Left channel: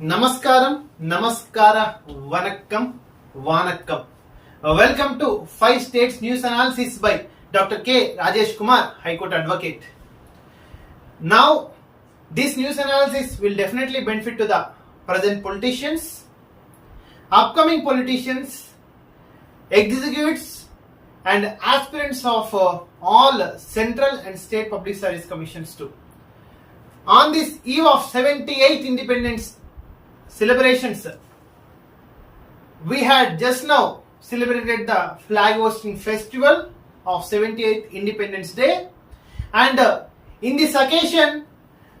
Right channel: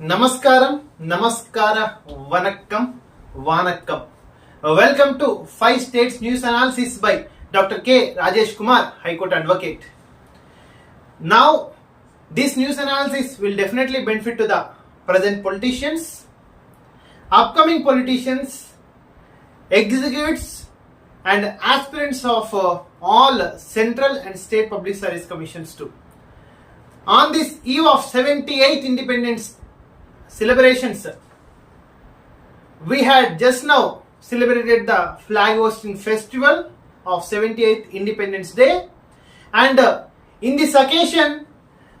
Namaskaram, Namaskara, Vanakkam, Vanakkam. Welcome to 5 States News Analysis by Dr. K. Rajesh Kumar, High Court Advocate. Now, this news analysis will definitely benefit to the present politicians, upcoming politicians, executives, and aspirants of all central and state public service commissions too. On this eve of 78th Independence celebrations, we had just now celebrated the flag hosting festival of 78th Independence Day, and in this occasion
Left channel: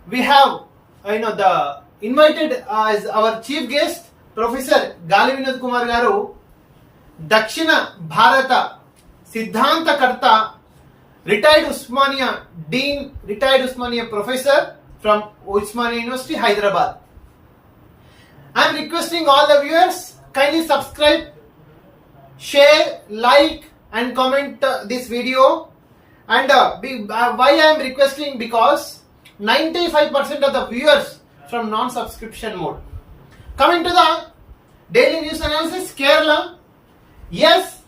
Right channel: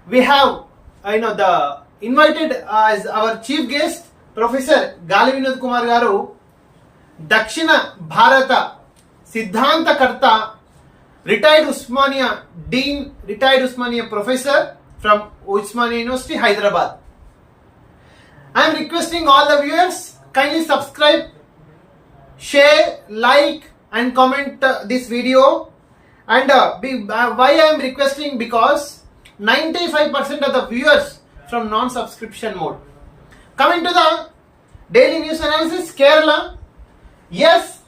we have the invited as our chief guest Professor Gali Vinod Kumar garu, Dakshina Bharata Siddhantakarta, retired Usmania Dean, retired Usmania Professor from Usmania University, Hyderabad. I am requesting all the viewers kindly subscribe, share, like and comment this video. And why I am requesting, because 95% of the viewers from non-subscription mode. Coming to the daily news analysis, Kerala. Yes,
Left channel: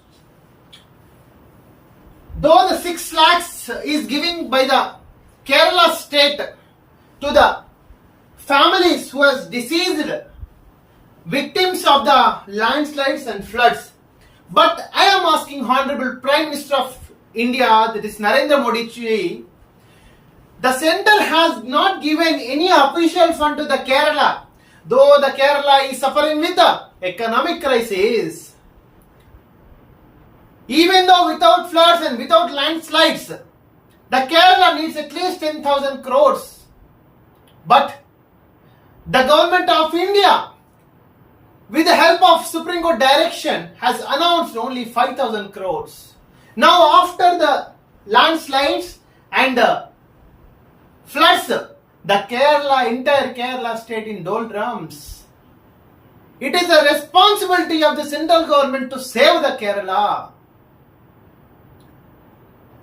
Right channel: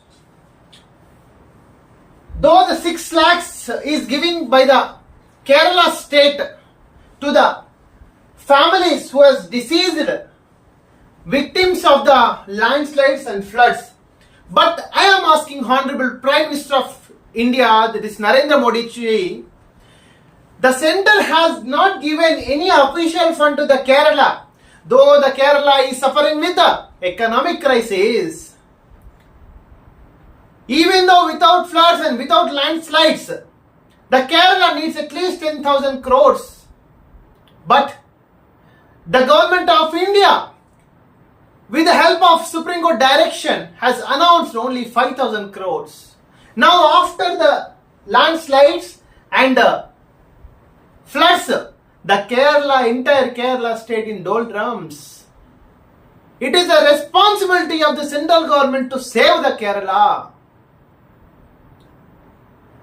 though the 6 lakhs is given by the Kerala state to the families who was deceased victims of the landslides and floods, but I am asking Honorable Prime Minister of India, that is Narendra Modi ji, the center has not given any official fund to the Kerala, though the Kerala is suffering with the economic crisis. Even though without floods and without landslides, the Kerala needs at least 10,000 crores. But the government of India, with the help of Supreme Court direction, has announced only 5,000 crores. Now after the landslides and floods, the entire Kerala state in doldrums. It is the responsibility of the central government to save the Kerala.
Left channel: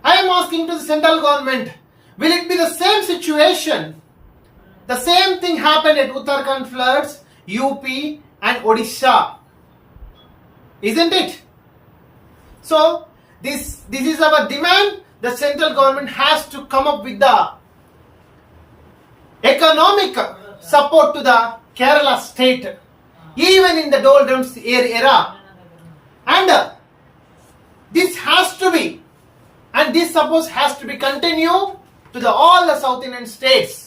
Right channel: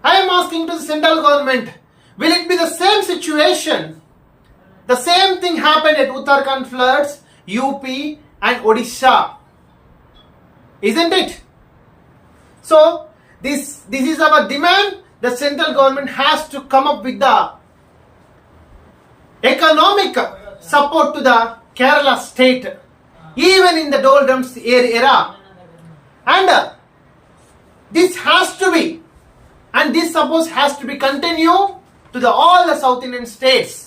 I am asking to the central government, will it be the same situation? The same thing happened at Uttarakhand floods, UP and Odisha, isn't it? So this is our demand. The central government has to come up with the economic support to the Kerala state, even in the doldrums era. And this has to be, and this suppose has to be continued to all the South Indian states.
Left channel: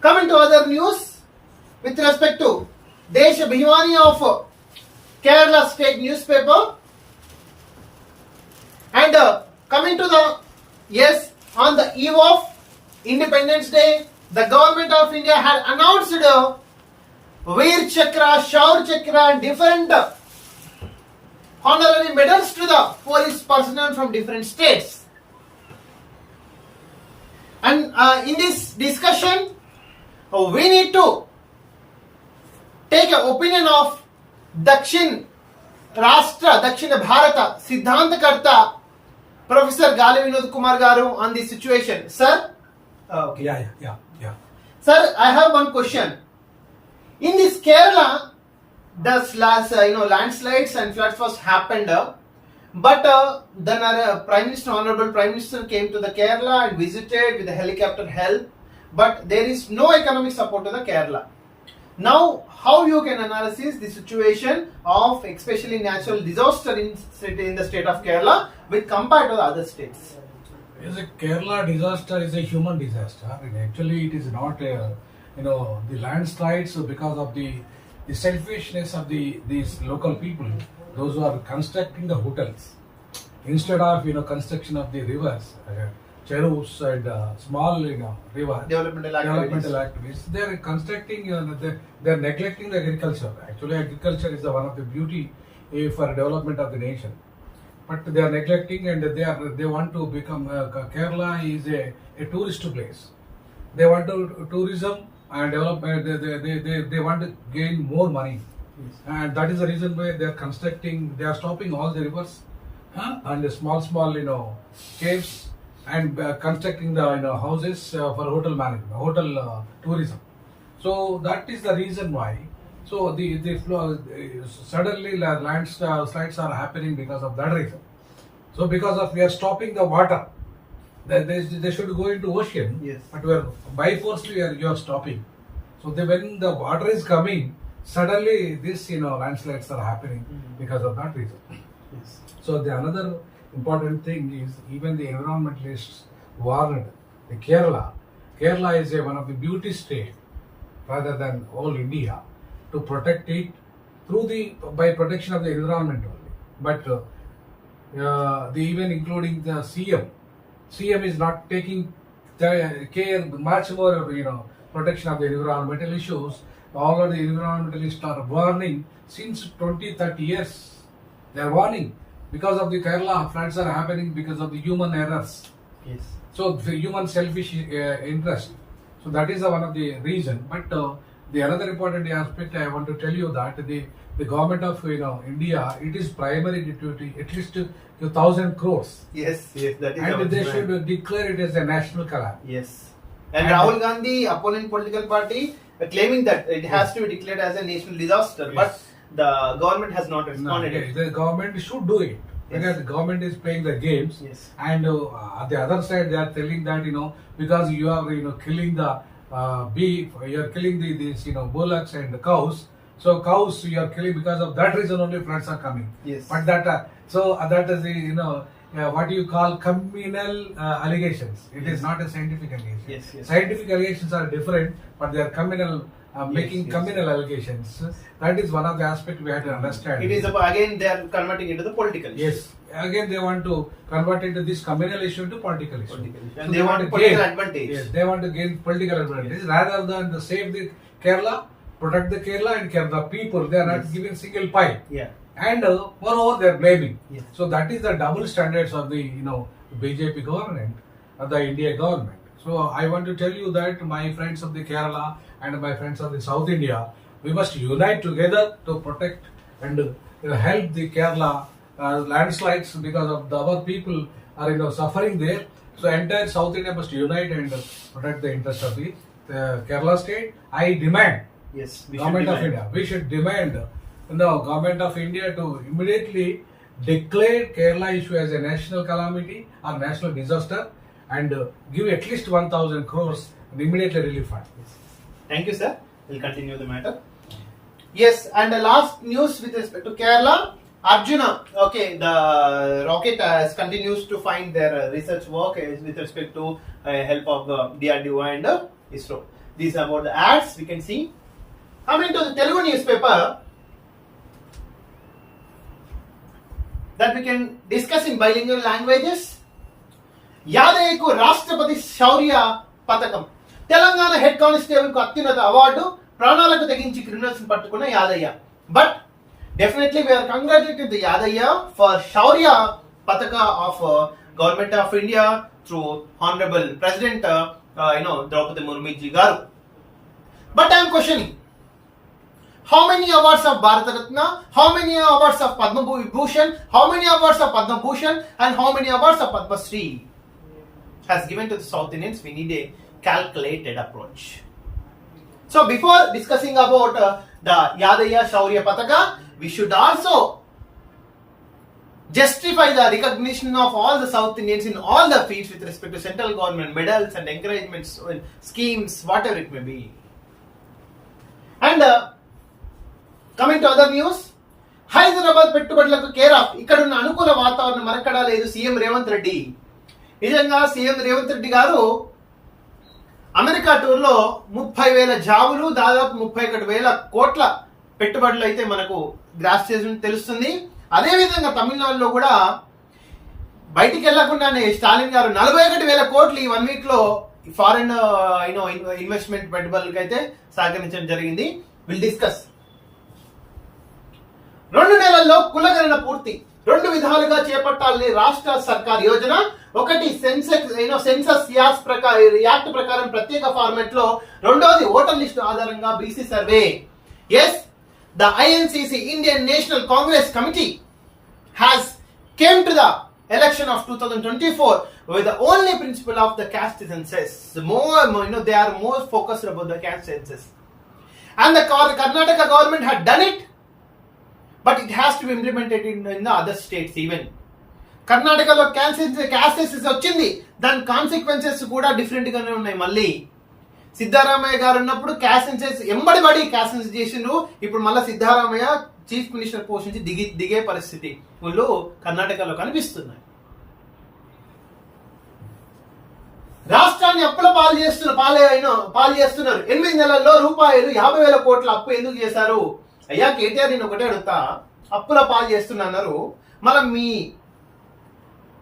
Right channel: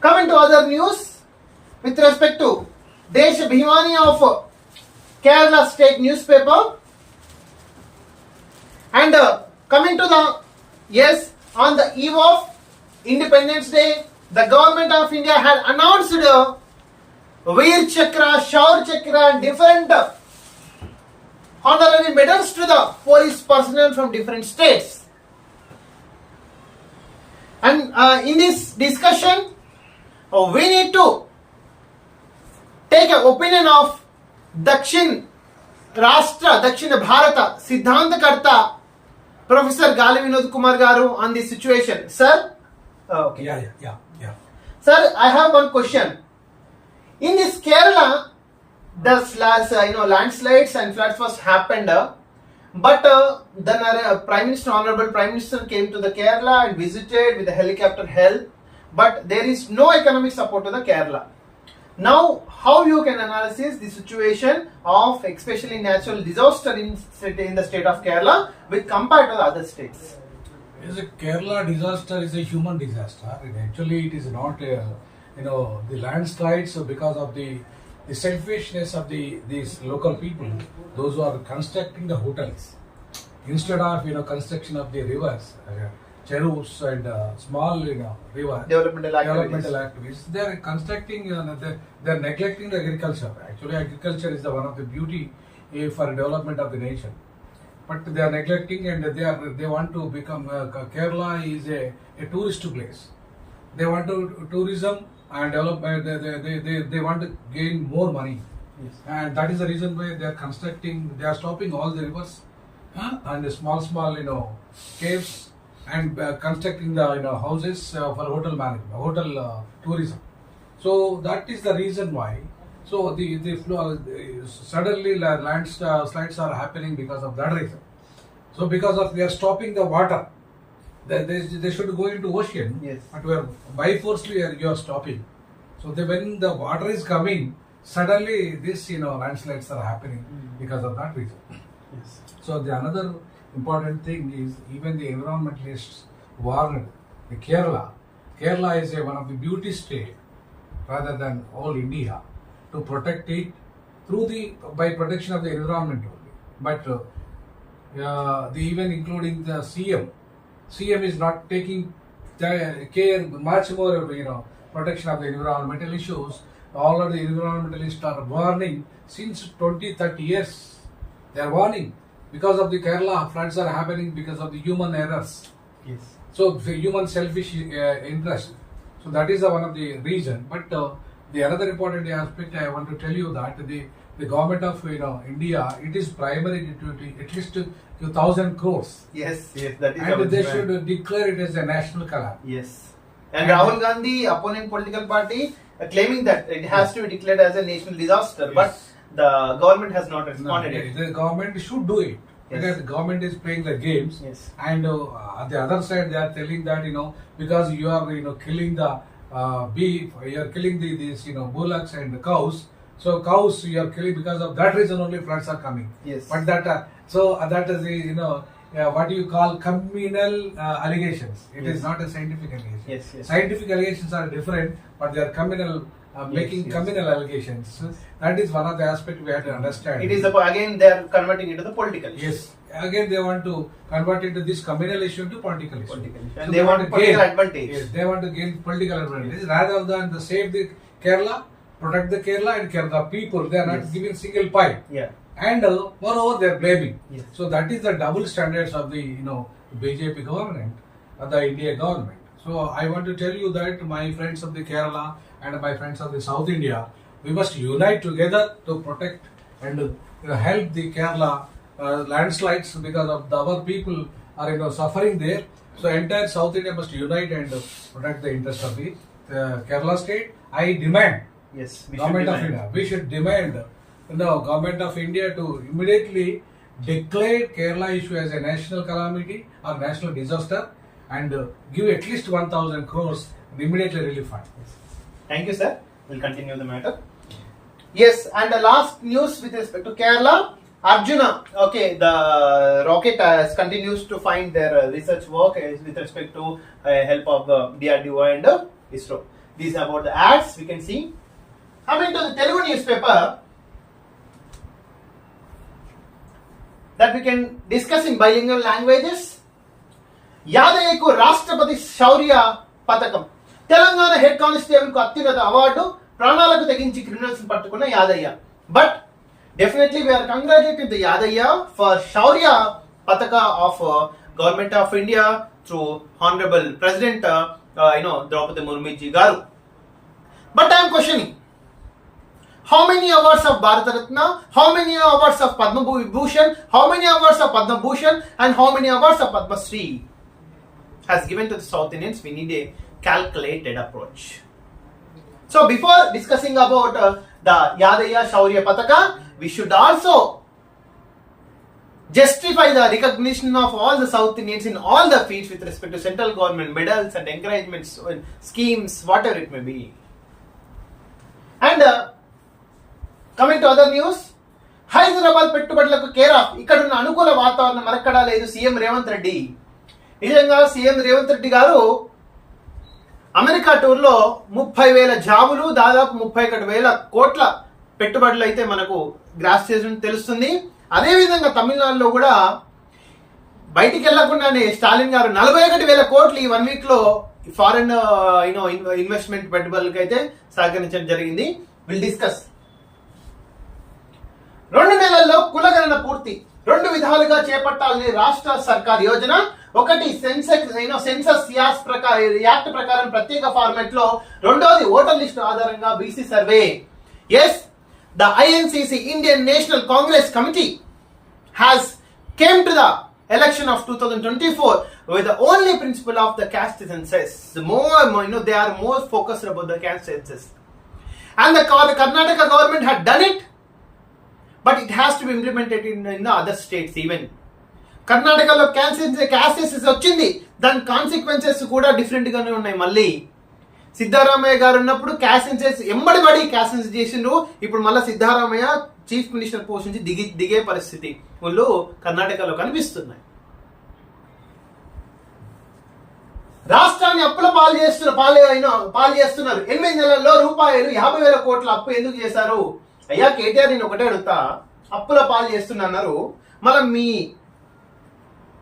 Coming to other news, with respect to Desha Bhimani of Kerala State newspaper, and coming to the, yes, on the eve of Independence Day, the government of India had announced Veer Chakra, Shaur Chakra and different honorary medals to the police personnel from different states. And in this discussion, we need to take an opinion of Dakshina Bharata Siddhantakarta, Professor Gali Vinod Kumar garu, on this situation. Sir? Okay. Yeah. Sir, I have one question. In this Kerala, the landslides and floods first happened, but then our Honorable Prime Minister came to the Kerala and visited with the helicopter help, but there is no economic support to the Kerala. Now, how you can analyze the situation of especially natural disaster in the state of Kerala with compared to the other states? Yes, a Kerala disaster is a human disaster. Actually, it is not the landslides because of the selfishness of these local people, those who are constructing the hotels instead of construction of the rivers, cherus and small river developmental activities. They are constructing. They are neglecting the agriculture. Actually, agriculture is one of the beauty for development of the nation. But they are neglecting, and they want to become Kerala is a tourist place. They want to tourism and development. They want to gain more money, yes. And that is the reason why they are constructing. They are stopping all the rivers and the small caves, and constructing the houses for hotel tourism. So that is the reason why. So the flow, suddenly landslides are happening because of that reason. So because of we are stopping the water, they should go into ocean. Yes. But we are by force you are stopping. So when the water is coming, suddenly this landslides are happening because of that reason. Yes. So the another important thing is even the environmentalists warned the Kerala. Kerala is one of the beauty state rather than all India to protect it by protection of the environment only. But the even including the CM is not taking care much more protection of the environmental issues. All of the environmentalists are warning since 20-30 years. They are warning because of the Kerala floods are happening because of the human errors. Yes. So the human selfish interest. So that is one of the reason. But the another important aspect I want to tell you that the government of India, it is primary duty at least 2,000 crores, Yes, that is our and they demand. should declare it as a national calamity. Yes. And And- Rahul Gandhi, opponent political party, claiming that it has to be declared as a national disaster, but Yes. the government has not No, responded. yeah, the government should do it because Yes. the government is playing the games. Yes. And at the other side, they are telling that because you are killing the beef, you are killing these bullocks and the cows. So cows you are killing because of that reason only floods are coming. Yes. But that that is the what you call communal allegations. It Yes. is not a scientific allegation. Yes, yes. Scientific allegations are different, but they are communal. Making yes. communal allegations. That is one of the aspects we have to understand. It is again they are converting it to the political issue. Yes. Again, they want to convert into this communal issue into political issue. Political issue. So And they want political gain- advantage. Yes, they want to gain political advantage rather than to save the Kerala, protect the Kerala and Kerala people. They are not Yes. giving single pie. Yeah. And moreover, they are blaming. Yes. So that is the double standards of the BJP government, of the India government. So I want to tell you that my friends of the Kerala and my friends of the South India, we must unite together to protect and help the Kerala landslides because of our people are suffering there. So entire South India must unite and protect the interest of the Kerala state. I demand Yes. We should government of demand. India. We should demand government of India to immediately declare Kerala issue as a national calamity or national disaster and give at least 1,000 crores and immediately relief fund. Thank you, sir. We'll continue the matter. Yes, and the last news with respect to Kerala, Arjuna. Okay, the rocket continues to find their research work with respect to help of DRDO and ISRO. These are about the ads we can see. Coming to the Telugu newspaper, that we can discuss in bilingual languages. యాదయ్యకు రాష్ట్రపతి శౌర్య పథకం. Telangana head constable కు అత్యున్నత award, ప్రాణాలకు తెగించి criminals పట్టుకున్న Yadaiah. But definitely we're congratulating the Yadaiah for Shaurya Pathak of government of India through honourable president Draupadi Murmu ji గారు. But I'm questioning, how many awards of Bharat Ratna, how many awards of Padma Bhushan, how many awards of Padma Bhushan and how many awards of Padma Shri has given to the South Indians? We need a calculated approach. So before discussing about the Yadaya Shaurya Pataka, we should also justify the recognition of all the South Indians in all the fields with respect to central government medals and encouragements, schemes, whatever it may be. And coming to other news, Hyderabad పెట్టుబడులకు care of. ఇక్కడున్న అనుకూల వాతావరణం మరక్కడా లేదు CM Revanth Reddy. నిజంగా CM Revanth Reddy గారు America టూర్లో 30,000 జాబులు, దాదాపు 31,000 కోట్ల పెట్టుబడులు అయితే మనకు గ్రాస్ చేసిన తెలుస్తుంది. అదేవిధంగా తమిళనాడులో కూడా బయటికి వెళ్లకుండానే స్టాలిన్ గారు 41,000 కోట్లు ఈ 1 వీక్ లో ఫారెన్ ఇన్వెస్ట్మెంట్ పెట్టుబడులకు అయితే సహకరించడం జరిగింది. Will discuss. 2 నెలల్లో కులగణన పూర్తి. 2 విధాలుగా చేపట్టాలని రాష్ట్ర సర్కార్ యోజన. ఒకటి సెన్సస్ యాక్ట్ ప్రకారం ప్రత్యేక ఫార్మాట్ లో, రెండోది ఓటర్ లిస్టు ఆధారంగా BC survey. Yes, the INCC Indian National Congress committee has came to the election of 2024 with the only principle of the caste census. They are more focused about the caste census. and the Karnataka government had done it, but it has to be implemented in the other states even. కర్ణాటకలో cases వచ్చింది, దాని consequences కూడా different గానే ఉన్నాయి. మళ్ళీ సిద్ధారామయ్య గారు ఉన్నప్పుడు క్యాసెన్సెస్ ఎంబడి పడి క్యాసెన్స్ చేసిండ్రు. ఇప్పుడు మళ్ళీ సిద్ధారామయ్య చీఫ్ మినిస్టర్ పోస్ట్ నుంచి దిగే పరిస్థితి వాళ్ళు కర్ణాటకలో కనిపిస్తున్నాయి. రాష్ట్రాన్ని అప్పుల పాలు చేస్తున్నారు. 8 నెలల్లో రూపాయలు 50,000 కోట్ల అప్పు ఎందుకు చేశారు? అయ్యా కేటీఆర్, నేను ఒకటే అడుగుతా, అప్పుల పాలు చేస్తున్నారు, మళ్ళీ మీ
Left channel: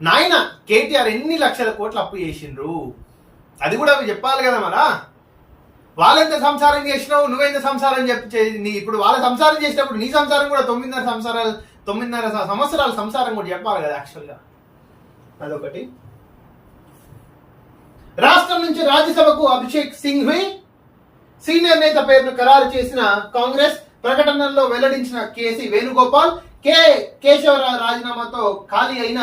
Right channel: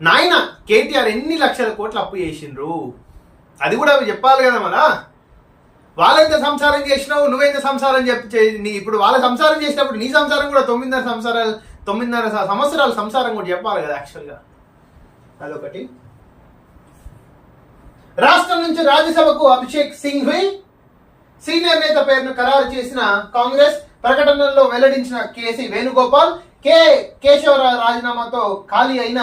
నాయన కేటీఆర్ ఎన్ని లక్షల కోట్ల అప్పు చేసిండ్రు? అది కూడా చెప్పాలి కదా. మరా వాళ్ళైతే సంసారం చేసినావు, నువ్వైతే సంసారం ఇప్పుడు వాళ్ళ సంసారం చేసినప్పుడు నీ సంసారం కూడా 9.5 సంవత్సరాల సంసారం కూడా చెప్పాలి కదా యాక్చువల్గా. అదొకటి. రాష్ట్రం నుంచి రాజ్యసభకు అభిషేక్ సింఘ్వి సీనియర్ నేత పేరును ఖరారు చేసిన కాంగ్రెస్. ప్రకటనలో వెల్లడించిన కేసీ వేణుగోపాల్, కేశవరావు రాజీనామాతో ఖాళీ అయిన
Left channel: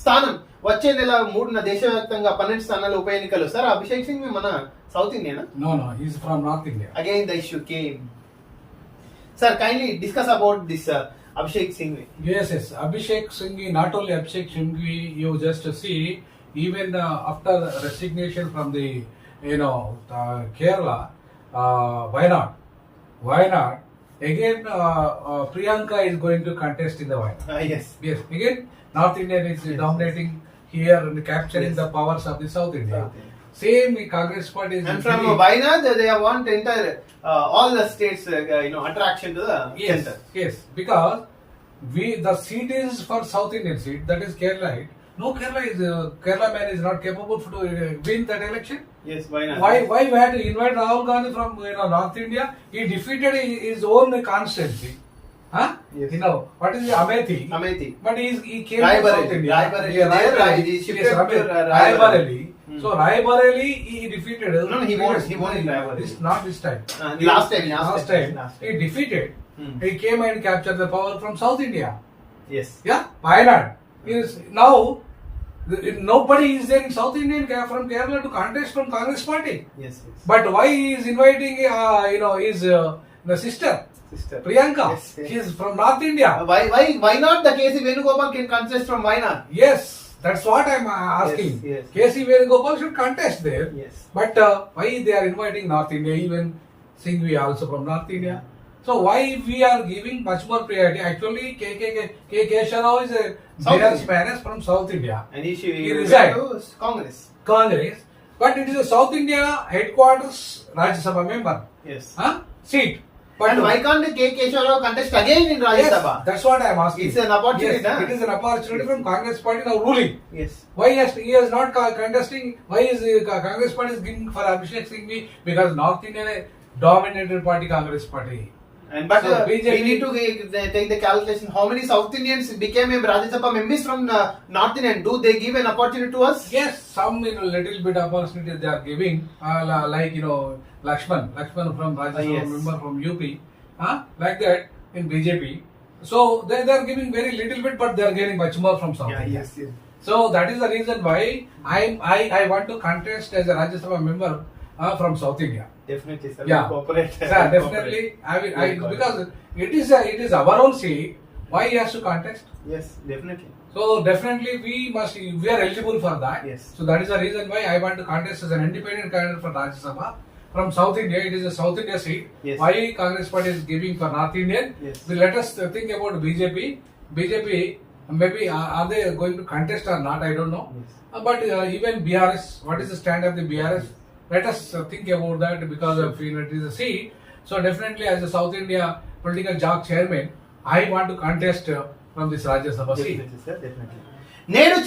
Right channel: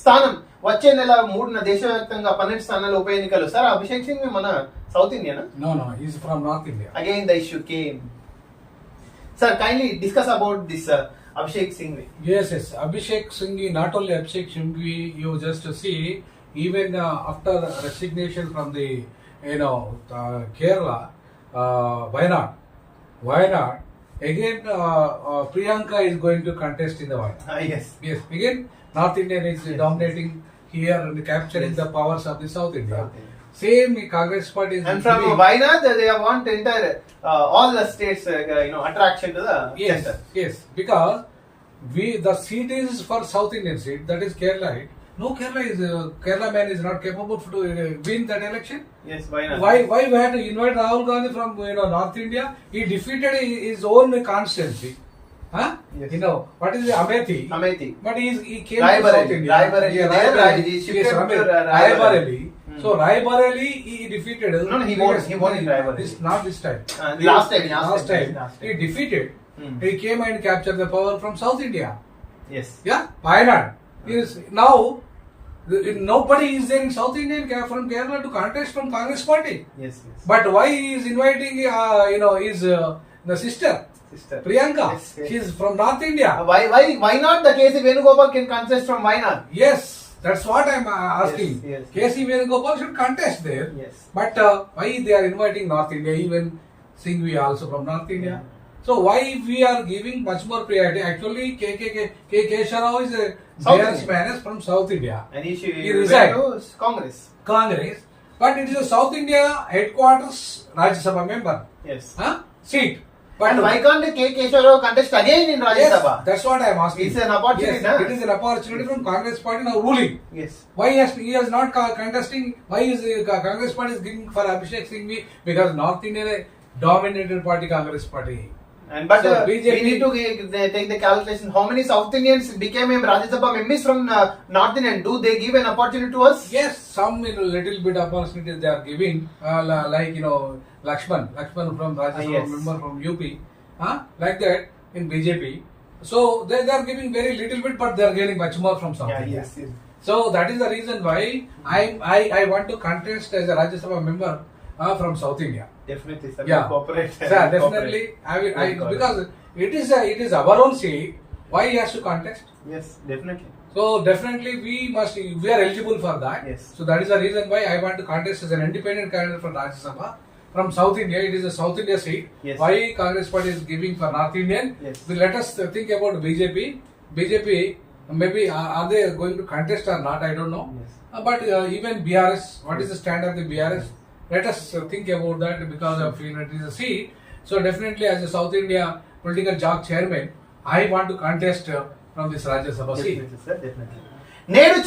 స్థానం. వచ్చే నెల 3న దేశవ్యాప్తంగా 12 స్థానాల్లో ఉప ఎన్నికలు. సార్, అభిషేక్ సింఘ్వి మన south Indian? No, he is from North India. Again the issue came. Sir, kindly discuss about this Abhishek Singhvi. Yes. Abhishek Singhvi, not only Abhishek Singhvi, you just see, even after resignation from the, Kerala, why not? Again, Priyanka is going to contest in the Wayanad. Yes. Again, North Indian is dominating here and capturing the powers of the South India. Same Congress party is. And from Wayanad, they want entire all the states, attraction to the center. Yes, because the seat is for South Indian seat, that is Kerala. No, Kerala man is not capable to win that election. Yes, why not? Why we had to invite Rahul Gandhi from North India? He defeated his own constituency. Huh? Yes. What is the Amethi? But he came to South India. Raebareli. So Raebareli he defeated. No, he won in Raebareli. Not this time. Last time. He defeated. He came and captured the power from South India. Yes. Yeah, Wayanad. Now nobody is there in South Indian from Kerala to contest from Congress party. Yes. But why he is inviting his the sister Priyanka? Yes. She is from North India. Why not the KC Venugopal can contest from Wayanad? Yes, that's what I'm asking. Yes. KC Venugopal should contest there. Yes. But why they are inviting North India? Even Singhvi also from North India. So why we are giving much more priority? Actually, Kesharao is a BRS man from South India. And he resigned to Congress. But it is a South India headquarters Rajya Sabha member. Yes. Seat. But and why can't Kesharao contest again in Rajya Sabha? Yes, that's what I am asking. It's an opportunity. Yes, it is an opportunity from Congress party now ruling. Yes. Why he is not contesting? Why is Congress party is giving for Abhishek Singhvi? Because North India dominated party Congress party. But so we need to take the calculation. How many South Indians became a Rajya Sabha members from North Indian? Do they give an opportunity to us? Yes, some little bit opportunity they are giving. Like Lakshman from Rajya Sabha member from UP. Like that in BJP. So they are giving very little bit, but they are getting much more from South India. Yes. So that is the reason why I want to contest as a Rajya Sabha member from South India. Definitely, sir. Yeah. Cooperate. Sir, definitely. I will because it is our own seat. Why he has to contest? Yes, definitely. So definitely we are eligible for that. Yes. So that is the reason why I want to contest as an independent candidate for Rajya Sabha from South India. It is a South India seat. Yes. Why Congress party is giving for North Indian? Yes. So let us think about BJP. Maybe are they going to contest or not? I don't know. Yes. But even BRS, what is the stand of the BRS? Let us think about that because of it is a seat. So definitely as a South India political job chairman, I want to contest from this Rajya Sabha seat. Definitely, sir. Definitely. నేడు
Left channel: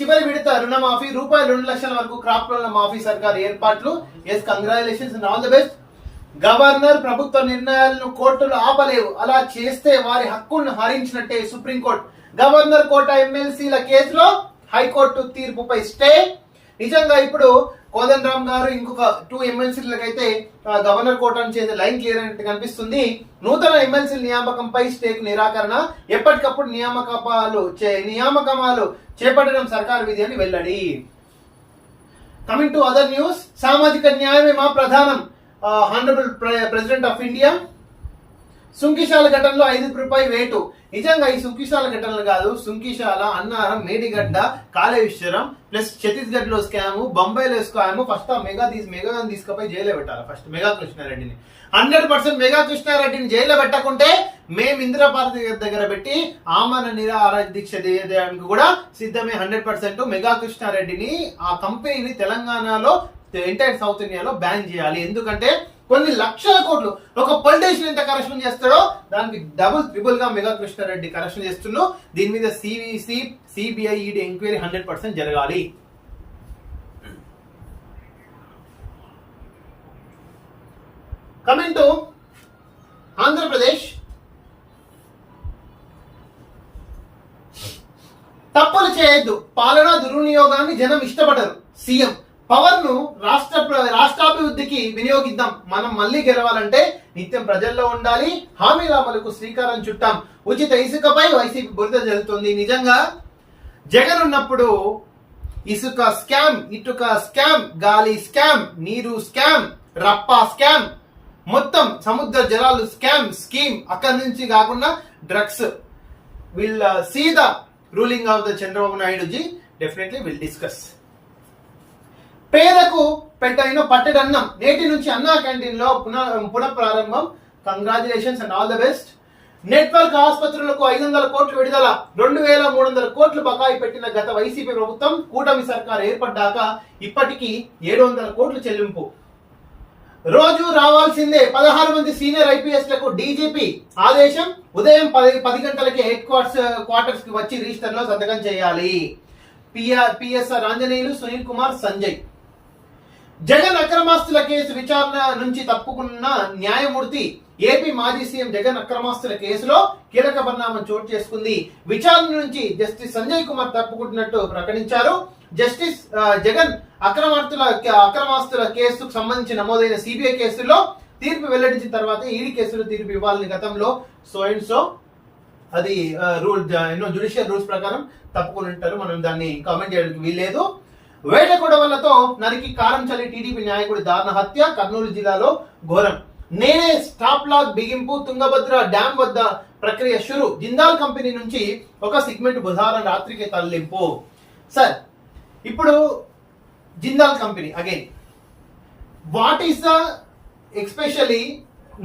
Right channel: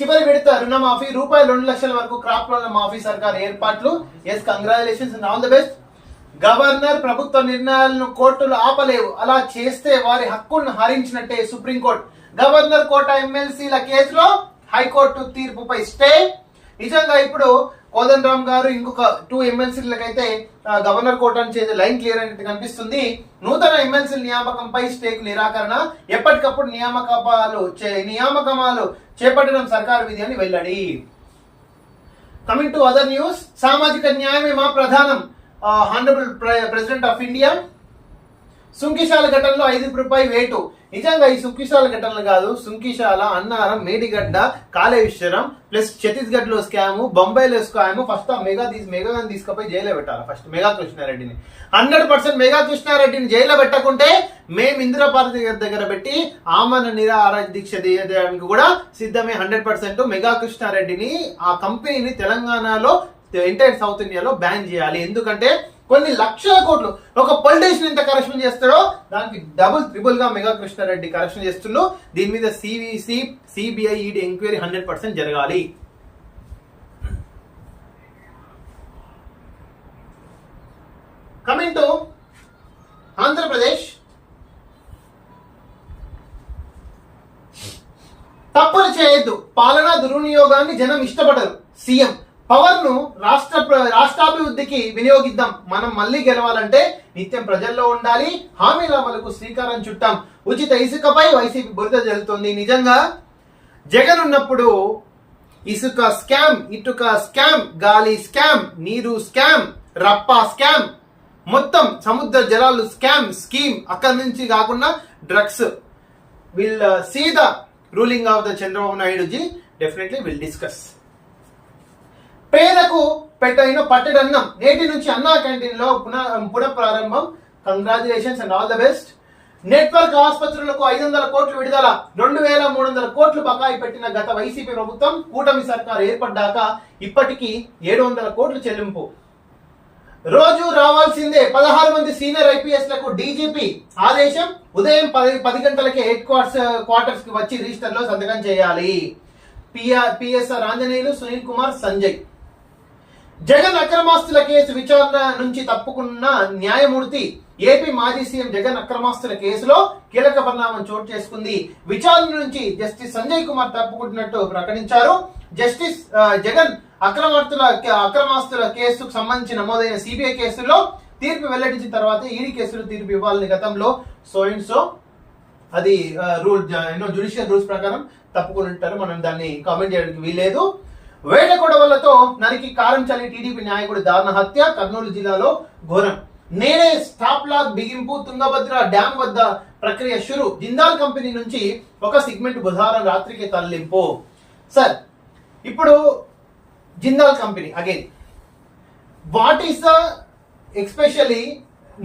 చివరి విడత రుణమాఫీ రూపాయలు 2 లక్షల వరకు crop లోన్ల మాఫీ సర్కార్ ఏర్పాట్లు. Yes, congratulations and all the best. Governor ప్రభుత్వ నిర్ణయాలను కోర్టులు ఆపలేవు, అలా చేస్తే వారి హక్కులను హరించినట్టే సుప్రీంకోర్టు. గవర్నర్ కోట ఎమ్మెల్సీల కేసులో హైకోర్టు తీర్పుపై స్టే. నిజంగా ఇప్పుడు కోదండరామ్ గారు ఇంకొక 2 ఎమ్మెల్సీలకైతే గవర్నర్ కోటాను చేసే లైన్ క్లియర్ అయినట్టు కనిపిస్తుంది. నూతన ఎమ్మెల్సీ నియామకంపై స్టేకు నిరాకరణ. ఎప్పటికప్పుడు నియామకమాలు చేపట్టడం సర్కారు విధి అని వెల్లడి. Coming to other news. సామాజిక న్యాయమే మా ప్రధానం. Honourable president of India. Sunkishala ఘటనలో 5 రూపాయి వేటు. నిజంగా ఈ సుంకిశాల ఘటనలు కాదు, సుంకిశాల, అన్నారం, మేడిగడ్డ, కాళేశ్వరం ప్లస్ ఛత్తీస్గఢ్ లో స్కాము, బొంబాయిలో స్కాము. ఫస్ట్ ఆ మెగాని తీసుకుపోయి జైల్లో పెట్టాలి. ఫస్ట్ మెగా కృష్ణారెడ్డిని 100% మెగా కృష్ణారెడ్డిని జైల్లో పెట్టకుంటే మేము ఇందిరా పార్టీ దగ్గర పెట్టి ఆమరణ నిరాహార దీక్ష చేయడానికి కూడా సిద్ధమే. 100% మెగా కృష్ణారెడ్డిని, ఆ కంపెనీని తెలంగాణలో, ఎంటైర్ సౌత్ ఇండియాలో బ్యాన్ చేయాలి. ఎందుకంటే కొన్ని లక్షల కోట్లు ఒక పొలిటీషియన్ ఎంత కరప్షన్ చేస్తాడో దానికి డబుల్ ట్రిపుల్ గా మెగా కృష్ణారెడ్డి కరప్షన్ చేస్తున్నాడు. దీని మీద సిబిఐ, ఈడీ ఎంక్వైరీ 100% జరగాలి. కమింగ్ టు ఆంధ్రప్రదేశ్, తప్పులు చేయొద్దు, పాలనా దుర్వినియోగాన్ని జనం ఇష్టపడరు. సీఎం పవర్ ను రాష్ట్రాభివృద్ధికి వినియోగిద్దాం. మనం మళ్ళీ గెలవాలంటే నిత్యం ప్రజల్లో ఉండాలి. హామీల అమలుకు శ్రీకారం చుట్టాం. ఉచిత ఇసుకపై వైసీపీ బురద జల్లుతుంది. నిజంగా జగన్ ఉన్నప్పుడు ఇసుక స్కామ్, ఇటుక స్కామ్, గాలి స్కామ్, నీరు స్కామ్, రప్పా స్కామ్, మొత్తం సముద్ర జలాలు స్కీమ్. అక్కడి నుంచి కాకుండా drugs. Will see the ruling of the Chandrababu Naidu ji. Definitely will discuss. పేదకు పెట్టైన పట్టెడన్నం. నేటి నుంచి అన్నా క్యాంటీన్ లో పునః ప్రారంభం. Congratulations and all the best. Network ఆసుపత్రులకు 500 కోట్లు విడుదల. 2300 కోట్లు బకాయి పెట్టిన గత వైసీపీ ప్రభుత్వం కూటమి సర్కారు ఏర్పడ్డాక ఇప్పటికీ 700 కోట్లు చెల్లింపు. రోజు రావాల్సిందే 16 మంది సీనియర్ ఐపీఎస్ లకు డీజీపీ ఆదేశం. ఉదయం 10 గంటలకే హెడ్ క్వార్టర్స్ కి వచ్చి రిజిస్టర్ లో సంతకం చేయాలి. పిఎస్ఆర్ ఆంజనేయులు, సునీల్ కుమార్, సంజయ్. జగన్ అక్రమాస్తుల కేసు విచారణ నుంచి తప్పుకున్న న్యాయమూర్తి. ఏపీ మాజీ సీఎం జగన్ అక్రమాస్తుల కేసులో కీలక పరిణామం చోటు చేసుకుంది. విచారణ నుంచి జస్టిస్ సంజయ్ కుమార్ తప్పుకుంటున్నట్టు ప్రకటించారు. జస్టిస్ జగన్ అక్రమాస్తుల కేసుకు సంబంధించి నమోదైన సిబిఐ కేసులో తీర్పు వెల్లడించిన తర్వాత ఈడీ కేసులో తీర్పు ఇవ్వాలని గతంలో సో అది రూల్ జ్యుడిషియల్ రూల్స్ ప్రకారం తప్పుకుని ఉంటారు. మనం దాన్ని కామెంట్ చేయడానికి వీల్లేదు. వేట గొడవలతో నరికి కారం చల్లి టీడీపీ నాయకుడి దారుణ హత్య. కర్నూలు జిల్లాలో ఘోరం. నేనే స్టాప్ లాక్ బిగింపు. తుంగభద్ర డ్యాం వద్ద ప్రక్రియ షురు. జిందాల్ కంపెనీ నుంచి ఒక సిగ్మెంట్ బుధవారం రాత్రికి తరలింపు. సార్, ఇప్పుడు Jindal company again, what is the especially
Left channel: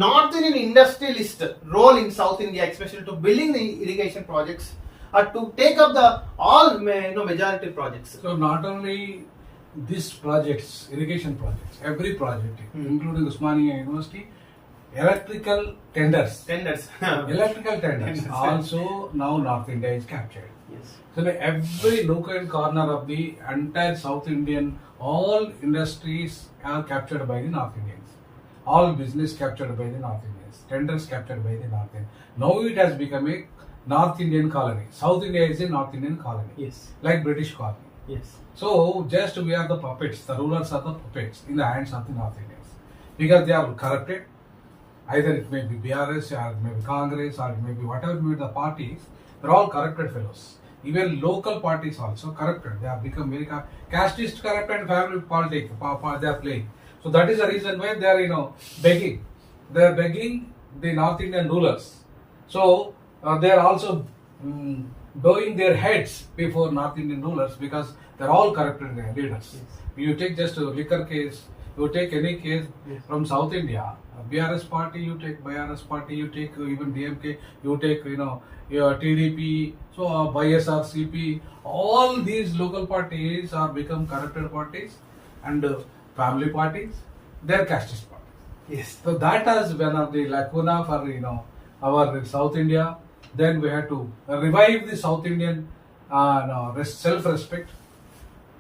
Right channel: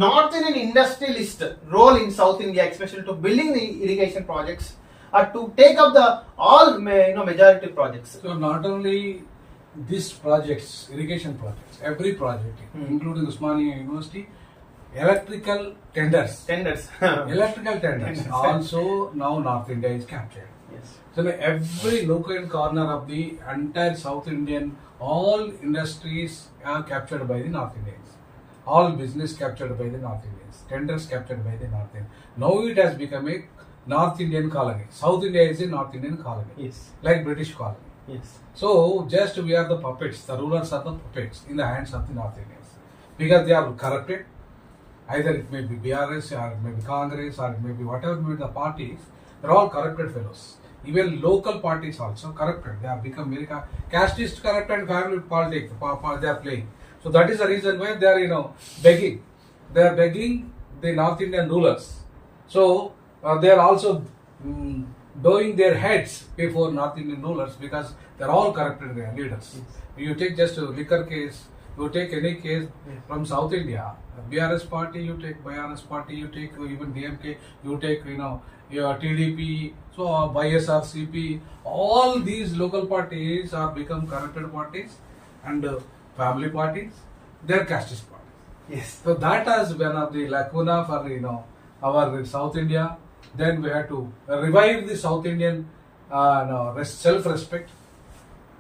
north Indian industrialist role in South India, especially to building the irrigation projects or to take up the all majority projects? So not only these projects, irrigation projects, every project, including Usmania University, electrical tenders, electrical tenders. Also now North India is captured. Yes. So every local corner of the entire South Indian, all industries are captured by the North Indians. All business captured by the North Indians. Tenders captured by the North Indians. Now it has become a North Indian colony. South India is a North Indian colony. Yes. Like British colony. Yes. So just we are the puppets. The rulers are the puppets in the hands of the North Indians. Because they are corrupted. Either it may be BRS or it may be Congress or it may be whatever may be the parties. They're all corrupted fellows. Even local parties also corrupted. They have become very casteist corrupt and family politics. They are playing. So that is the reason why they are begging. They are begging the North Indian rulers. So they are also bowing their heads before North Indian rulers because they are all corrupted leaders. Yes. You take just a liquor case, you take any case from South India, BRS party, you take BRS party, you take even DMK, you take TDP, so YSRCP, all these local parties are become corrupted parties and family parties, they are casteist parties. Yes. So that has been of the lacuna for our South India. Then we have to revive the South Indian self-respect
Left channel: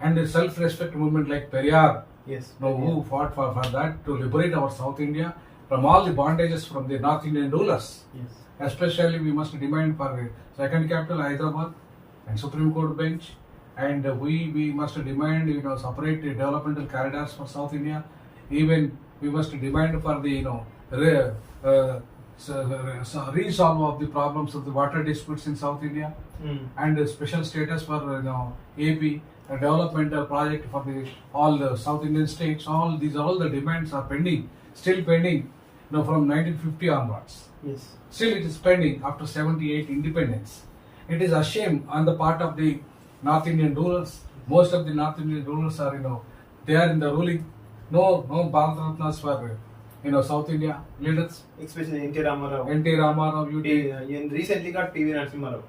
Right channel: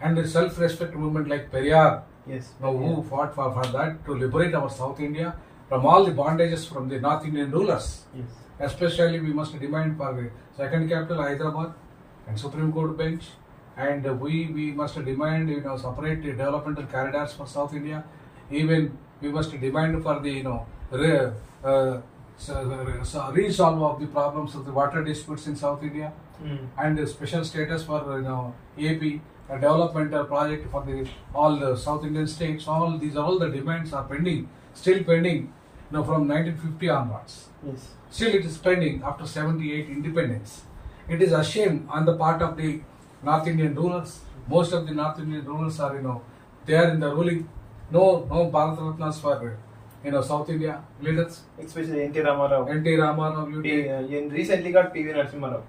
and the self-respect movement like Periyar. Yes. Who fought for that to liberate our South India from all the bondages from the North Indian rulers. Yes. Especially we must demand for the second capital Hyderabad and Supreme Court bench, and we must demand separate developmental corridors for South India. Even we must demand for the resolve of the problems of the water disputes in South India, and a special status for AP, a developmental project for all the South Indian states. All the demands are pending still pending, from 1950 onwards. Yes. Still it is pending after 78 independence. It is a shame on the part of the North Indian rulers. Most of the North Indian rulers are, they are in the ruling. No Bharat Ratnas for, South India leaders. Especially N.T. Ramarao. N.T. Ramarao, you take. Recently got P.V. Narasimha Rao.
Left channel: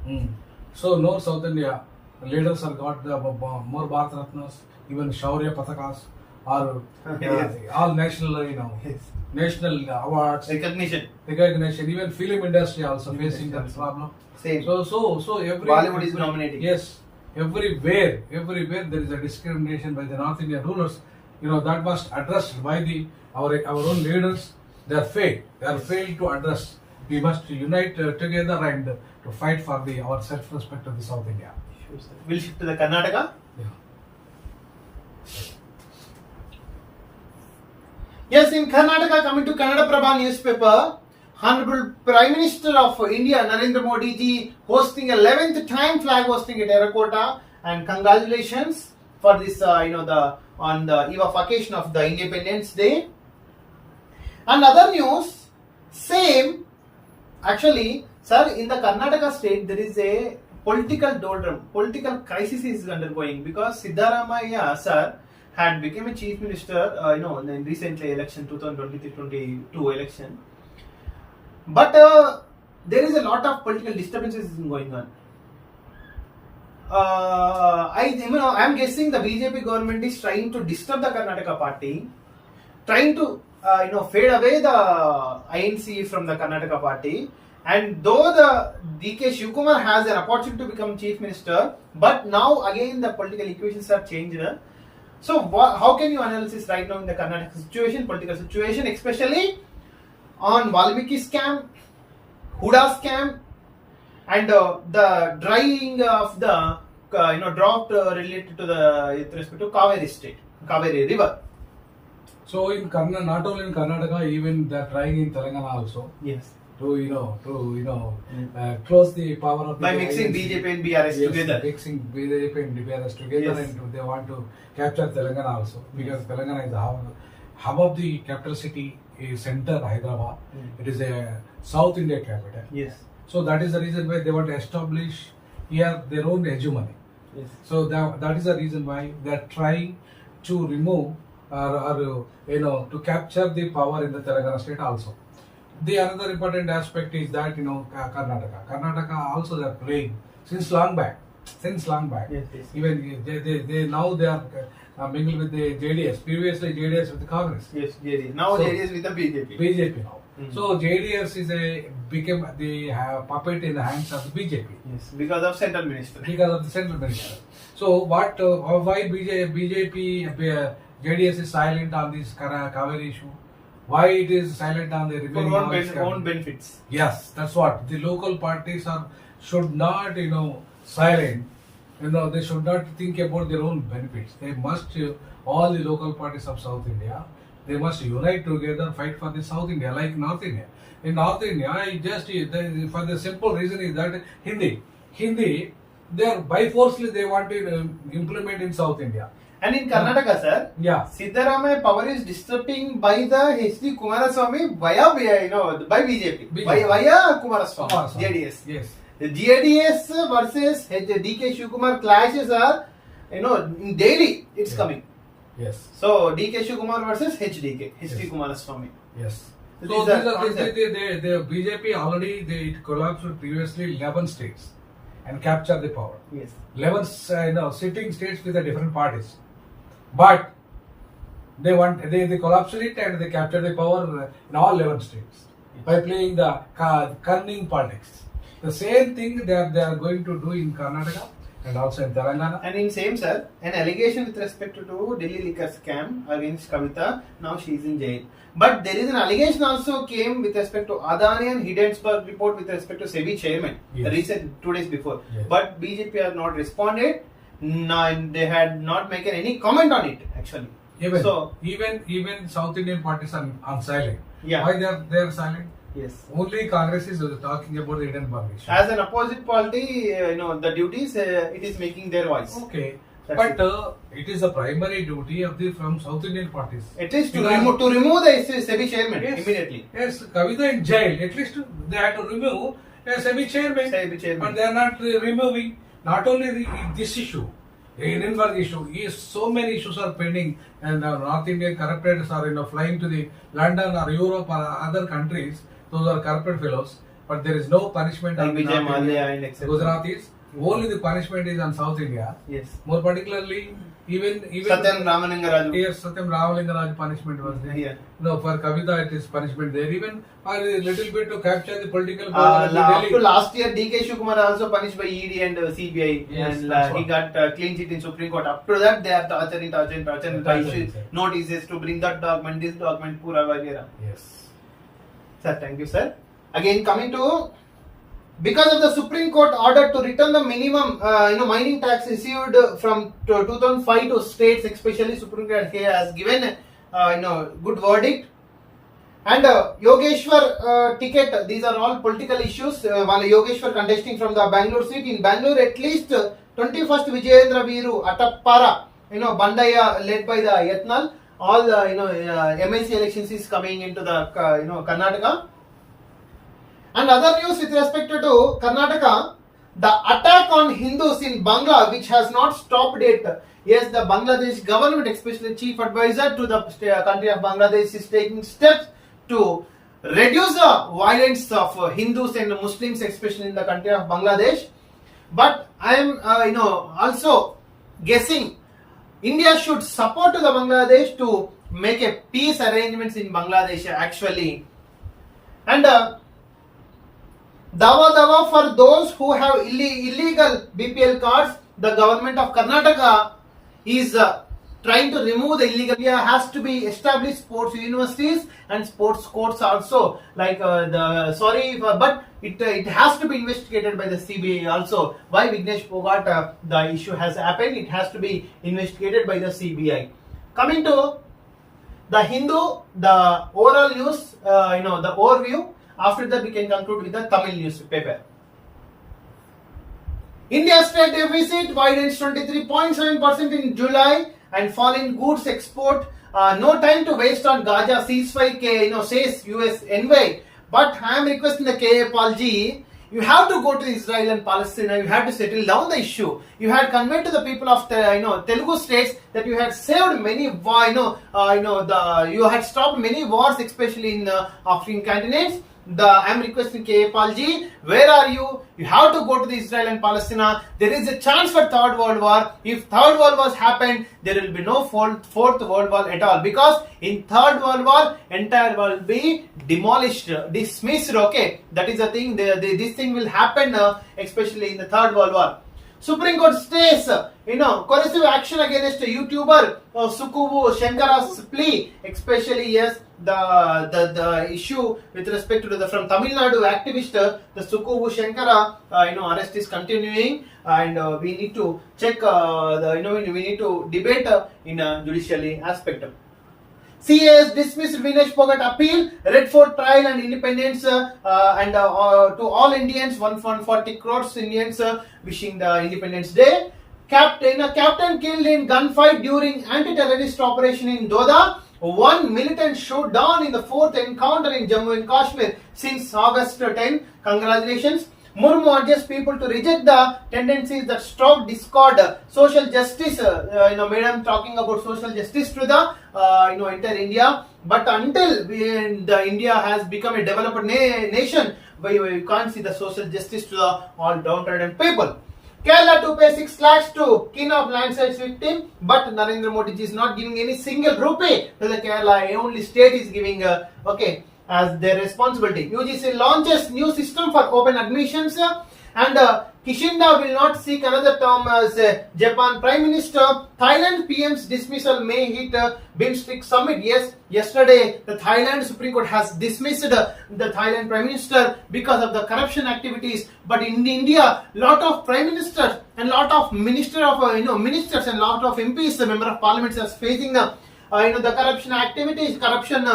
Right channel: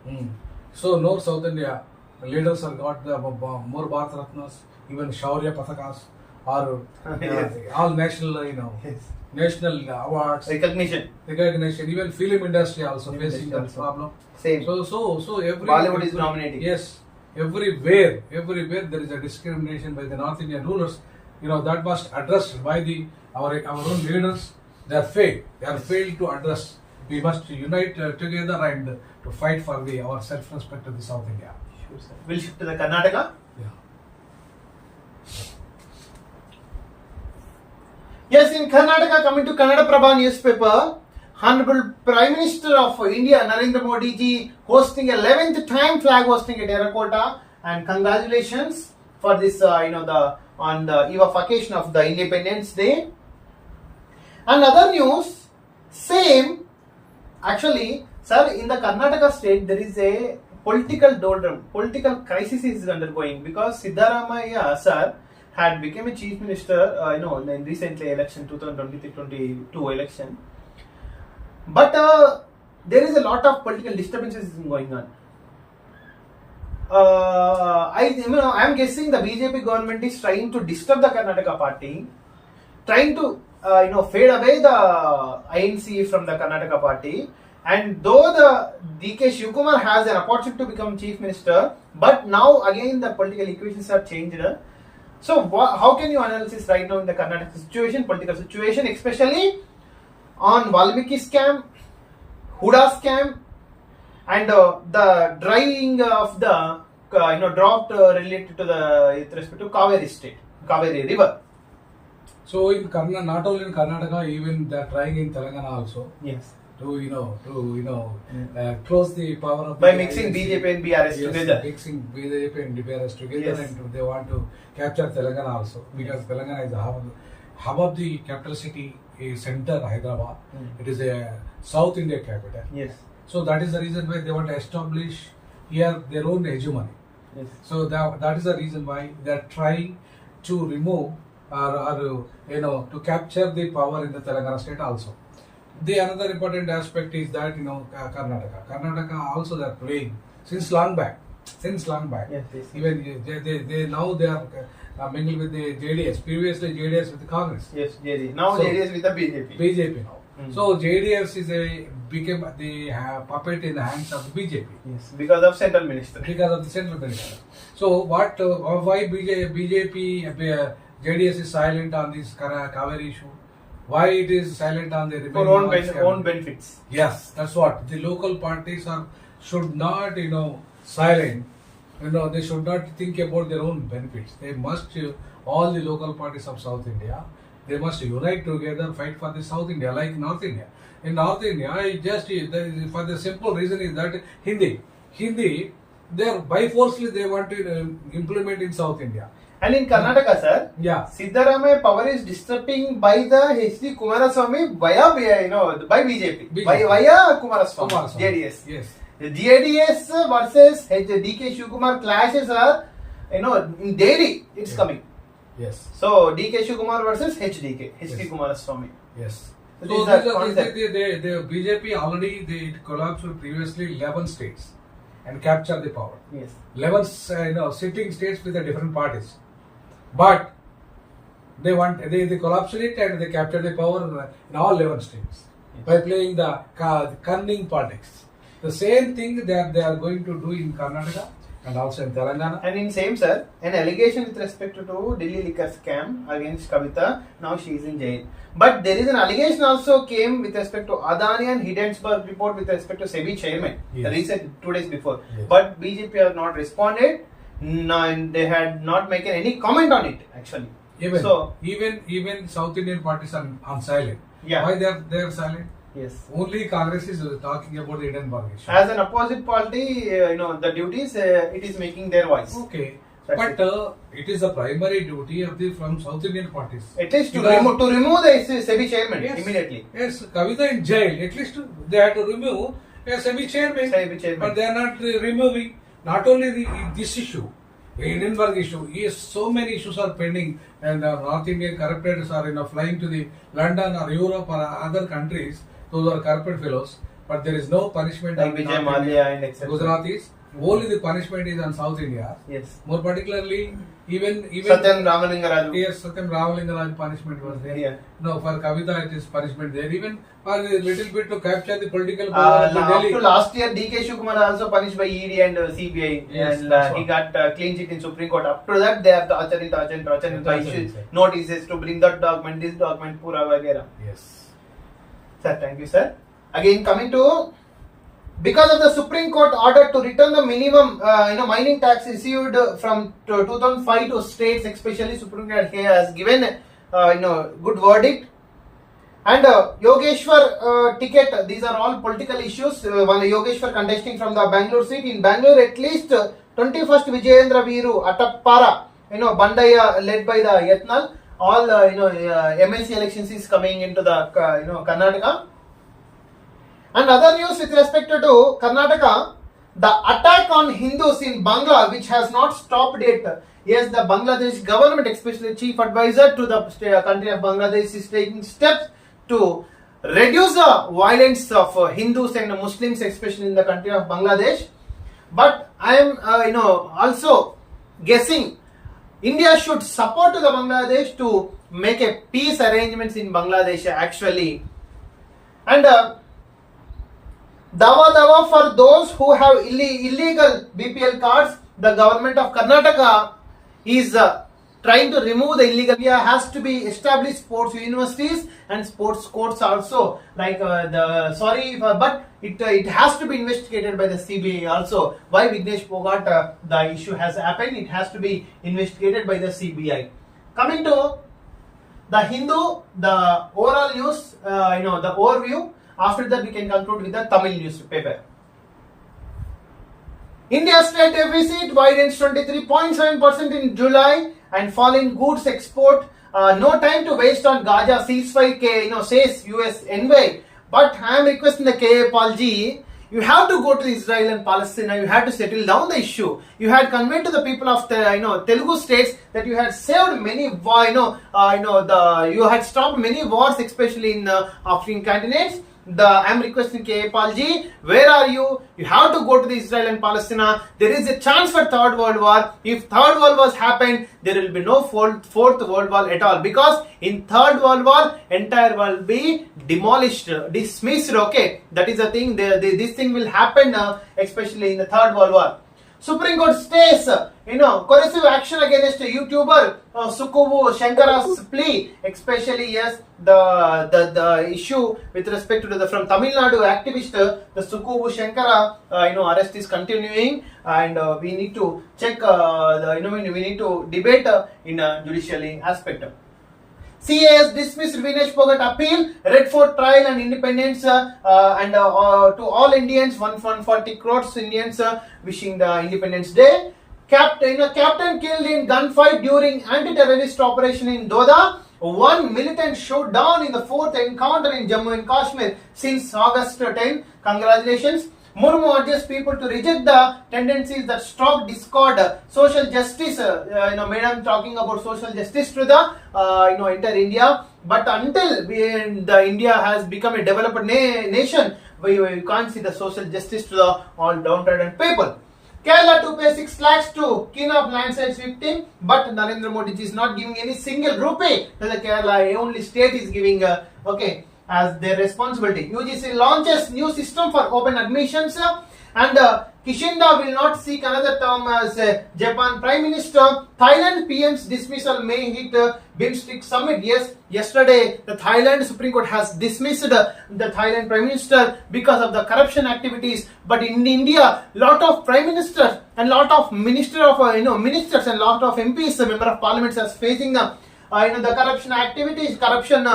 So no South India leaders have got the more Bharat Ratnas, even Shaurya Patakas, or Yes. all national, Yes. national awards, Recognition. even film industry also Film facing industry that also. problem. Same. So every Bollywood is nominating. Yes, everywhere there is a discrimination by the North Indian rulers. That must addressed by our own leaders. They are failed to address. We must unite together and to fight for our self-respect of the South India. Sure, sir. We'll shift to the Karnataka. Yeah. Yes, in Karnataka, coming to Kannada Prabha newspaper, Honorable Prime Minister of India, Narendra Modi ji, hosting 11th time flag hosting at Terracotta, and congratulations for this, on the eve of occasion of the Independence Day. And other news, same, actually, sir, in the Karnataka state, there is a political doldrum, political crisis is undergoing because Siddaramaiah, sir, had become a chief minister, in recently election, 2023-22 election. But there is a lot of political disturbances going on. I'm guessing the BJP government is trying to disturb the Karnataka party, trying to fade away the INC from the Karnataka party. And though the DK Shivkumar has an opportunity to become chief minister, but now again the political equations are changed. So how can you analyze right now in the Karnataka situation, political situation, especially on Valmiki scam, Huda scam, and the drying of the drought related to with respect to Kaveri state, Kaveri river. So in Karnataka, not only in Karnataka, even they are trying in Telangana also. Yes. To close the power of By the mixing INC. BJP and BRS together. Mixing BJP and BRS together, Yes. and they want to capture Telangana also because Telangana is the hub of the capital city center, Hyderabad. It is a South India capital. Yes. So that is the reason why they want to establish here their own hegemony. Yes. So that is the reason why they are trying to remove or to capture the power in the Telangana state also. The another important aspect is that Karnataka also they are playing since long back. Yes. Even they now they are mingled with the JDS. Previously JDS with the Congress. Yes, JDS. Now So- JDS with the BJP. BJP now. Mm. So JDS became the puppet in the hands of the BJP Yes, because of central minister. because of the central minister. So why BJP JDS is silent on this Kaveri issue? Why it is silent on the For remaining own benefits. Yes, that's what the local parties should not silent. They should not think about their own benefits. They must all the local parties of South India. They must unite together, fight for the South India, like North India. In North India, for the simple reason is that Hindi, they by forcefully they want to implement in South India. And in Karnataka, sir, Yeah. Siddaramaiah power is disturbing by the H.D. Kumaraswamy via by BJP. Via Kumaraswamy, JDS. Yes. The JDS versus DK Shivkumar clashes are, in daily it's Yeah. coming. Yes. So DK Shivkumar versus HDK, H.D. Yes. Kumaraswamy. Yes. So So these are the concepts. BJP already it collapsed previously 11 states and captured the power. Yes. 11 sitting states with the different parties, but they collapsed it and they captured the power in all 11 states by playing the cunning politics. The same thing they are going to do in Karnataka and also in Telangana. And in same, sir, an allegation with respect to Delhi liquor scam against Kavita. Now she is in jail. But there is an allegation also came with respect to Adani and Hindenburg report with respect to SEBI chairman. Yes. Recent 2 days before. Yes. But BJP have not responded. No, and they had not made any comment on it actually. Even South Indian parties are silent. Yeah. Why they are silent? Yes. Only Congress is talking about the Hindenburg issue. As an opposite party, the duties it is making their voice. Okay. That's But it. it is the primary duty of the from South Indian parties. At least to Because- remove the SEBI chairman Yes. immediately. Yes, Kavita in jail. At least they have to remove a semi-chairman. SEBI chairman. But they are not removing. Not only this issue, Hindenburg issue. So many issues are pending, and North Indian corruptors are flying to the London or Europe or other countries. Those are corrupted fellows. But there is no punishment Like on Vijay North Mallya India. and etc. Gujaratis. Only the punishment is on South India. Yes. More particularly, even Satyam Ramalinggaraju. here Satyam Ramalingaraj punishment was there. Yeah. No, for Kavita it is punishment there. Even for a little bit to capture the political power of the Up to Delhi. last year, DK Shivakumar also punished by ED and CBI, Yes, and that's he what. got clean sheet in Supreme Court. Up to that, they are torturing, Torturing, issue sir. notices to bring that document, this document, pura vagera. Yes. Sir, thank you, sir. Again, coming to, because of the Supreme Court order to return the minimum, mining tax received from 2005 to states, especially Supreme Court has given, good verdict. And Yogeshwar ticket, these are all political issues. One Yogeshwar contesting from the Bangalore seat. In Bangalore, at least 21st Vijayendra Veeru Atappara, Bandaya led by the Yatnal. All MLC elections is coming into the Karnataka. And other news with respect to Karnataka, the attack on Hindus in Bangla, which has not stopped yet. Yes, the Bangladesh government, especially chief advisor to the country of Bangladesh, is taking steps to reduce the violence of Hindus and Muslims, especially in the country of Bangladesh. But I am, also guessing India should support the Bangladesh to make a peace arrangements in Bangladesh actually. And Dawa for those who have illegal BPL cards, the government of Karnataka is trying to remove the illegal. India has to be established sports universities and sports courts also. Like but it has to be investigated by the CBI also. Why Vignesh Phogat the issue has happened? It has to be investigated by the CBI. Coming to the Hindu, the overall news, the overview. After that, we can conclude with the Tamil newspaper. India's trade deficit widens 23.7% in July and fall in goods export. No time to waste on Gaza ceasefire, says US envoy. But I am requesting the KA Paul G. You have to go to Israel and Palestine. You have to settle down the issue. You had conveyed to the people of the Telugu states that you had saved many you had stopped many wars, especially in the African continents. I am requesting K. Palji, where are you? You have to go to the Israel and Palestine. There is a chance for Third World War. If Third World War happened, there will be no Fourth World War at all. Because in Third World War, entire world will be demolished, dismissed. Okay, that is the thing. This thing will happen, especially in the Third World War. Supreme Court stays, coercive action against YouTuber Sukuvu Shankara's plea, especially yes, the issue with respect to the from Tamil Nadu activist, the Sukuvu Shankara, arrest is continuing, and we need to check we need to debate in a judicially aspect. CA has dismissed Vignesh Phogat appeal, Red Fort trial and independence, to all Indians, 140 crores Indians wishing the Independence Day. Captain killed in gunfight during anti-terrorist operation in Doda. One militant shot down in the fourth encounter in Jammu and Kashmir since August 10. Congratulations. Murmu urges people to reject the tendencies that stoke discord, social justice. Madam talking about social justice to the entire India. But until the India has become a developed nation, we can't see the social justice to the all downtrodden people. Kerala to pay 6 lakhs to king of landslides victim, but Narendra Modi is not giving any single rupee to the Kerala. Only state is giving as their responsibility. UGC launches new system for open admissions, and Kishida will not seek another term as Japan Prime Minister. Thailand PM's dismissal may hit BIMSTEC summit. Yes, yesterday the Thailand Supreme Court has dismissed the Thailand Prime Minister because of the corruption activities. But in India, lot of Prime Ministers and lot of ministers and lot of MPs, member of Parliament, are facing the corruption activities, corruption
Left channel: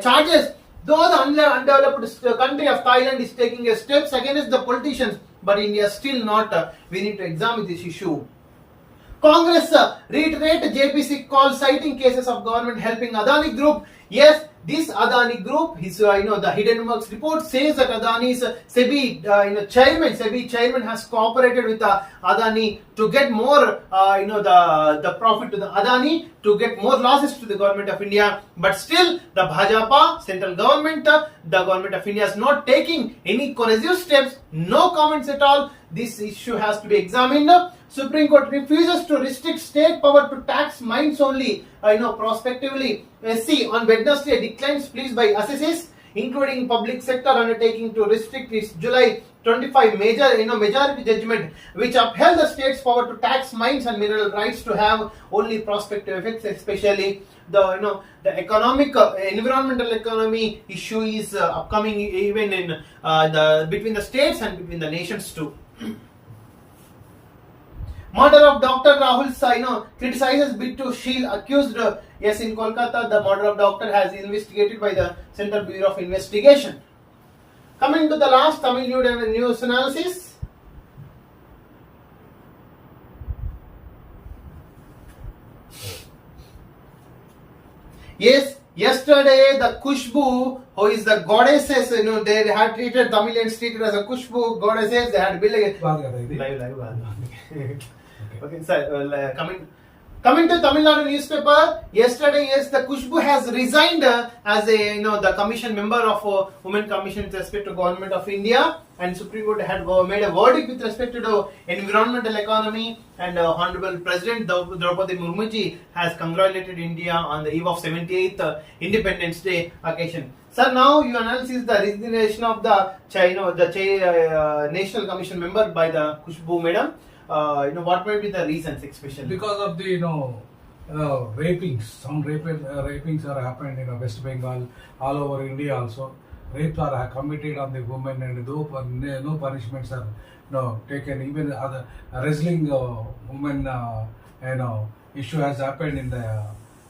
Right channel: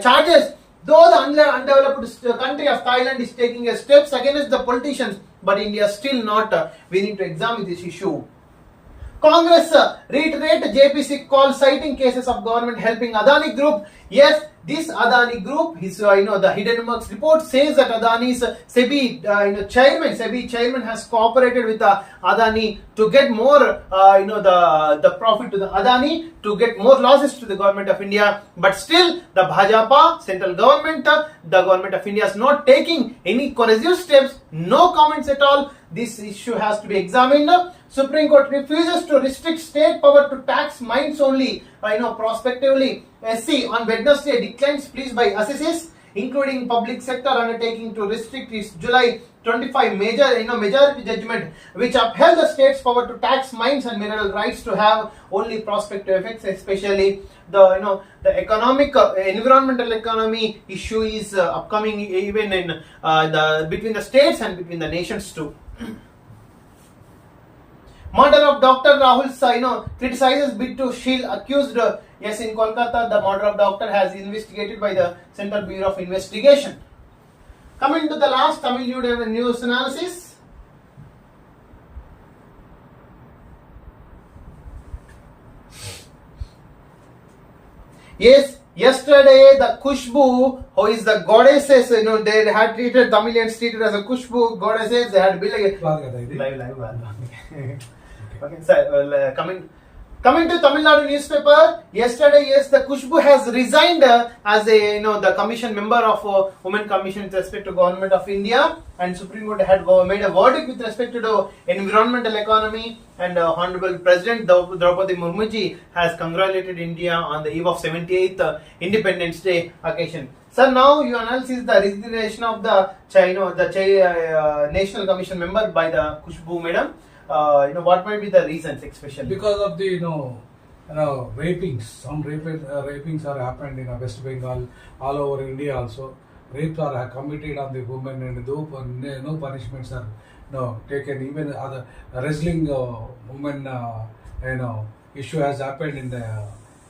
charges. Though the undeveloped country of Thailand is taking steps against the politicians, but India still not. We need to examine this issue. Congress reiterate JPC call citing cases of government helping Adani Group. Yes, this Adani Group, his the Hindenburg's report says that Adani's SEBI chairman has cooperated with Adani to get more the profit to the Adani, to get more losses to the government of India. But still, the Bhajapa central government, the government of India is not taking any corrective steps. No comments at all. This issue has to be examined. Supreme Court refuses to restrict state power to tax mines only, prospectively. SC on Wednesday declines pleas by assessees, including public sector undertaking to restrict its July 25 majority judgment, which upheld the state's power to tax mines and mineral rights to have only prospective effects, especially the economic environmental economy issue is upcoming even in between the states and between the nations too. Murder of Dr. Rahul criticizes bid to shield accused. Yes, in Kolkata, the murder of doctor has investigated by the Central Bureau of Investigation. Coming to the last Tamil news analysis. Yes, yesterday the Kushbu, who is the goddesses, they had treated Tamilians treated as a Kushbu goddesses. They had built a live. Okay, sir. Coming to Tamil Nadu newspaper, yesterday, yes, the Kushbu has resigned as the commission member of Women Commission with respect to Government of India, and Supreme Court had made a verdict with respect to the environmental economy, and Honorable President Draupadi Murmuji has congratulated India on the eve of 78th Independence Day occasion. Sir, now you analyze the resignation of the National Commission member by the Kushbu madam. What might be the reasons, especially because of the rapings. Some rapings are happened in West Bengal, all over India also. Rapes are committed on the women, and no punishments are taken. Even other wrestling women issue has happened in the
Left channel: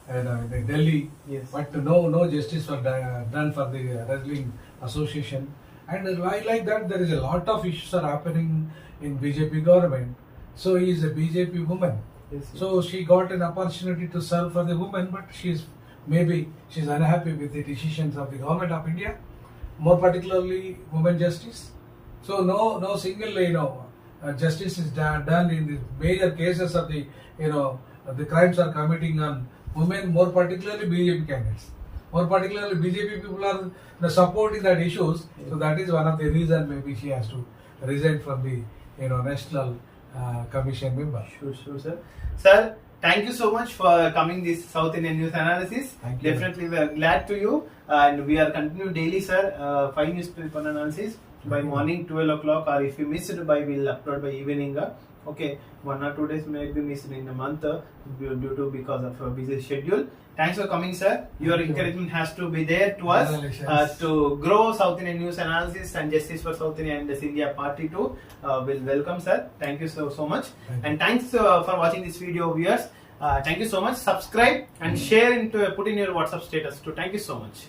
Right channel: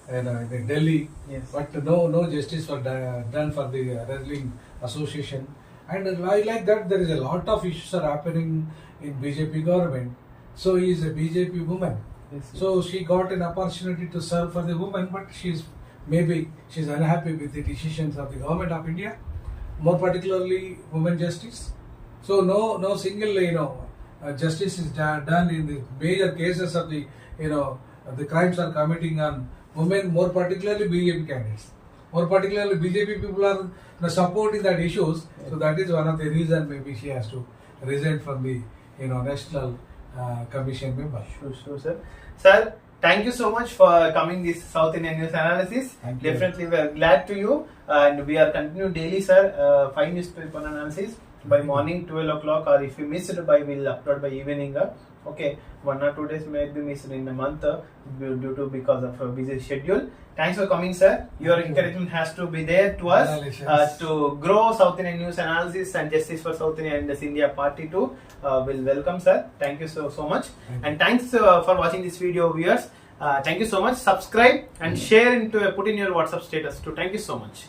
in Delhi. Yes. But no justice was done for the wrestling association. And like that, there is a lot of issues are happening in BJP government. So he is a BJP woman. Yes. So she got an opportunity to serve for the woman, but she's unhappy with the decisions of the government of India, more particularly women justice. So no single justice is done in the major cases of the the crimes are committing on women, more particularly BJP candidates. More particularly BJP people are supporting that issues. Yeah. So that is one of the reasons maybe she has to resign from the National Commission member. Sure, sir. Sir, thank you so much for coming this South Indian news analysis. Thank you. Definitely, we are glad to you, and we are continuing daily, sir. 5 newspaper analysis by morning 12 o'clock, or if you miss it we'll upload by evening. Okay, 1 or 2 days may be missed in a month due to because of a busy schedule. Thanks for coming, sir. Your encouragement has to be there to us to grow South Indian news analysis and justice for South India and this India party too. Will welcome, sir. Thank you so much. And thanks for watching this video, viewers. Thank you so much. Subscribe and share put in your WhatsApp status too. Thank you so much.